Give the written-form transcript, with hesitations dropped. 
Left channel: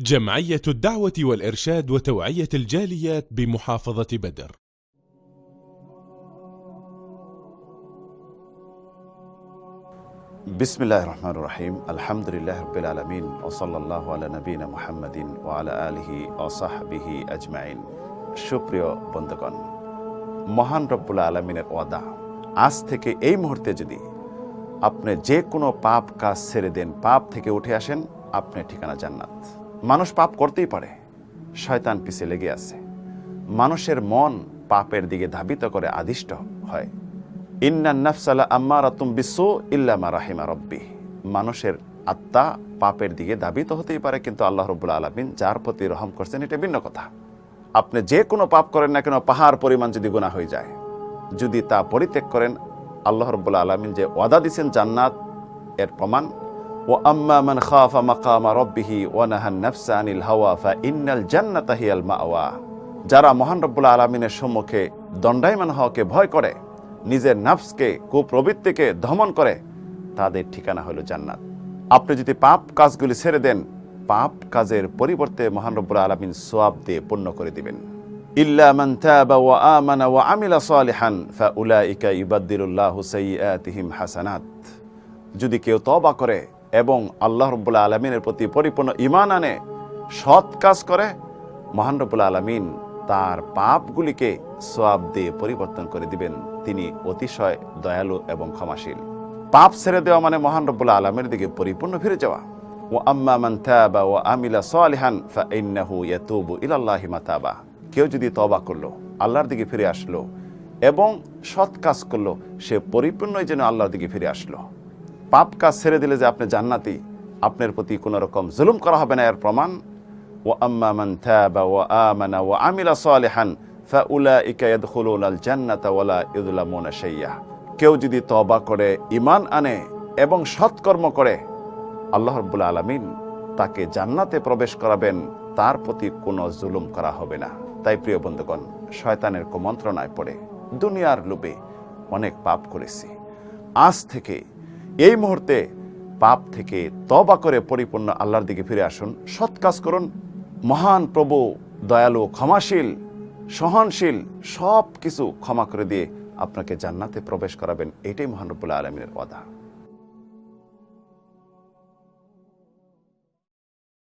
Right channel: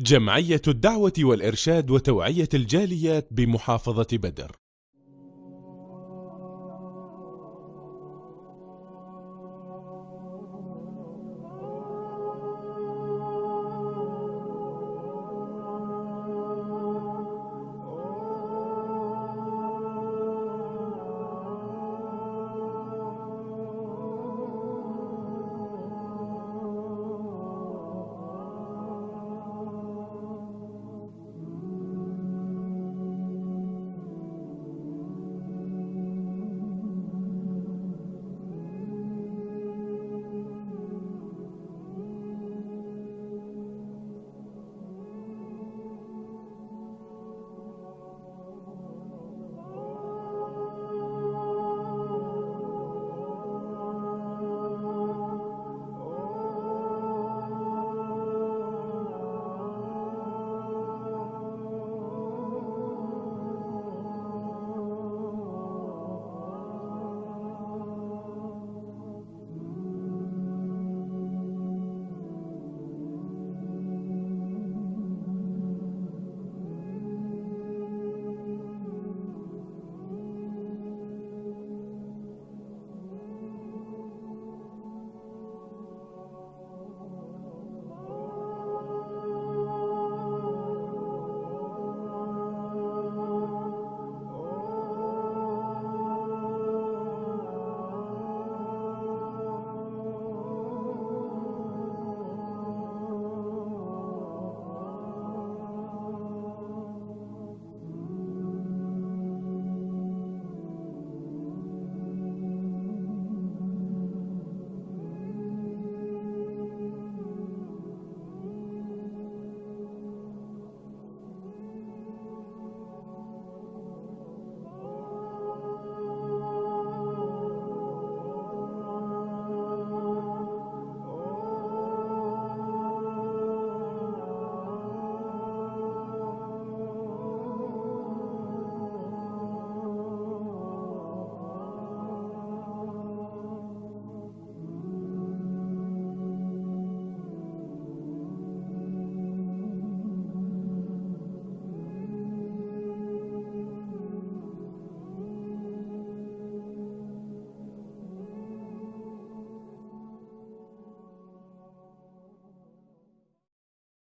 جمعية الدعوة والإرشاد وتوعية الجاليات بمحافظة بدر. بسم الله الرحمن الرحيم الحمد لله رب العالمين وصلى الله على نبينا محمد وعلى آله وصحبه أجمعين। সুপ্রিয় বন্ধুগণ, মহান রব্বুল আলামিনের ওয়াদা, আজ থেকে এই মুহূর্তে যদি আপনি যে কোনো পাপ কাজ ছেড়ে দেন, পাপ থেকে উঠে আসেন, আপনার ঠিকানা জান্নাত। মানুষ পাপ করতেই পারে, শয়তান পিছে লেগে আছে। মানুষের মন পাপের দিকে ধাবিত করে আদিষ্ট হয়। ইন্নান নাফসালা আম্মারাতুম বিসু ইল্লা মা রাহিমা রাব্বি। মানুষের আত্মা পাপের দিকে ধাবিত হতেই পারে, কিন্তু আল্লাহ রাব্বুল আলামিন যার প্রতি রহম করছেন এটা ভিন্ন কথা। আপনি যে কোনো পাপ করেন না কেন, পাহাড় পরিমাণ যদি গুনাহ হয়ে যায়, যদি তা পরিত্যাগ করেন, আল্লাহ রাব্বুল আলামিন যে ওয়াদা দিয়েছেন জান্নাত, এর প্রমাণ ওয়া আম্মা মান খাফা মাকামা রাব্বিহি ওয়া নাহান নাফসা আনিল হাওয়া ফা ইন্নাল জান্নাতা হিয়াল মাওয়া। যারা মহান রব্বুল আলামিনের সম্মুখে দণ্ডায়মান হওয়াকে ভয় করে, নিজের নাফসকে, কুপ্রবৃত্তিকে দমন করে, তাদের ঠিকানা হলো জান্নাত। আপনি যদি পাপ কাজগুলি ছেড়ে দেন, পাপ কাজের পরিবর্তে মহান রব্বুল আলামিন সওয়াব দিয়ে পূর্ণ করে দিবেন। ইল্লা মান তাবা ওয়া আমানা ওয়া আমিলা সালিহান ফাউলাইকা ইউবাদদিলুল্লাহু সাইয়্যাতিহিম হাসানাত। যদি কেউ তওবা করে এবং আল্লাহ রাব্বুল আলামিনের প্রতি পরিপূর্ণ ঈমান আনে, সৎ কাজ করে, মহান রব্বুল আলামিন তার পাপগুলিকে সওয়াব দিয়ে পরিবর্তন করে দিবেন। তিনি অতিশয় দয়ালু এবং ক্ষমাশীল। পাপ ছেড়ে দেওয়া মানে মহান রব্বুল আলামিনের দিকে পরিপূর্ণ ফিরে যাওয়া। ওয়া আম্মা মান তাবা ওয়া আমিলা সালিহান ফাইন্নাহু ইয়াতুবু ইলাল্লাহি মাতাবা। কেউ যদি তওবা করলো, আল্লাহর দিকে ফিরে আসলো এবং সৎ কাজ করলো, সে পরিপূর্ণই যেন আল্লাহর দিকে ফিরে আসলো। পাপ কাজ ছেড়ে দিলে যে আপনি জান্নাতি, আপনার প্রতি কোনো রকম জুলুম করা হবে না, এর প্রমাণ ওয়া আম্মা মান তাবা ওয়া আমানা ওয়া আমিলা সালিহান ফাউলাইকা ইয়াদখুলুনাল জান্নাতা ওয়া লা ইউযলামুনা শাইয়্যা। কেউ যদি তওবা করে, ঈমান আনে এবং সৎকর্ম করে, আল্লাহ রাব্বুল আলামিন তাকে জান্নাতে প্রবেশ করাবেন, তার প্রতি কোনো জুলুম করা হবে না। তাই প্রিয় বন্ধুগণ, শয়তানের কুমন্ত্রণায় পড়ে দুনিয়ার লোভে অনেক পাপ করেছি। আজ থেকে এই মুহূর্তে পাপ থেকে তওবা করে পরিপূর্ণ আল্লাহর দিকে ফিরে আসুন, সৎ কাজ করুন। মহান প্রভু দয়ালু, ক্ষমাশীল, সহনশীল, সব কিছু ক্ষমা করে দিয়ে আপনাকে জান্নাতে প্রবেশ করাবেন। এটাই মহান রব্বুল আলামিনের ওয়াদা।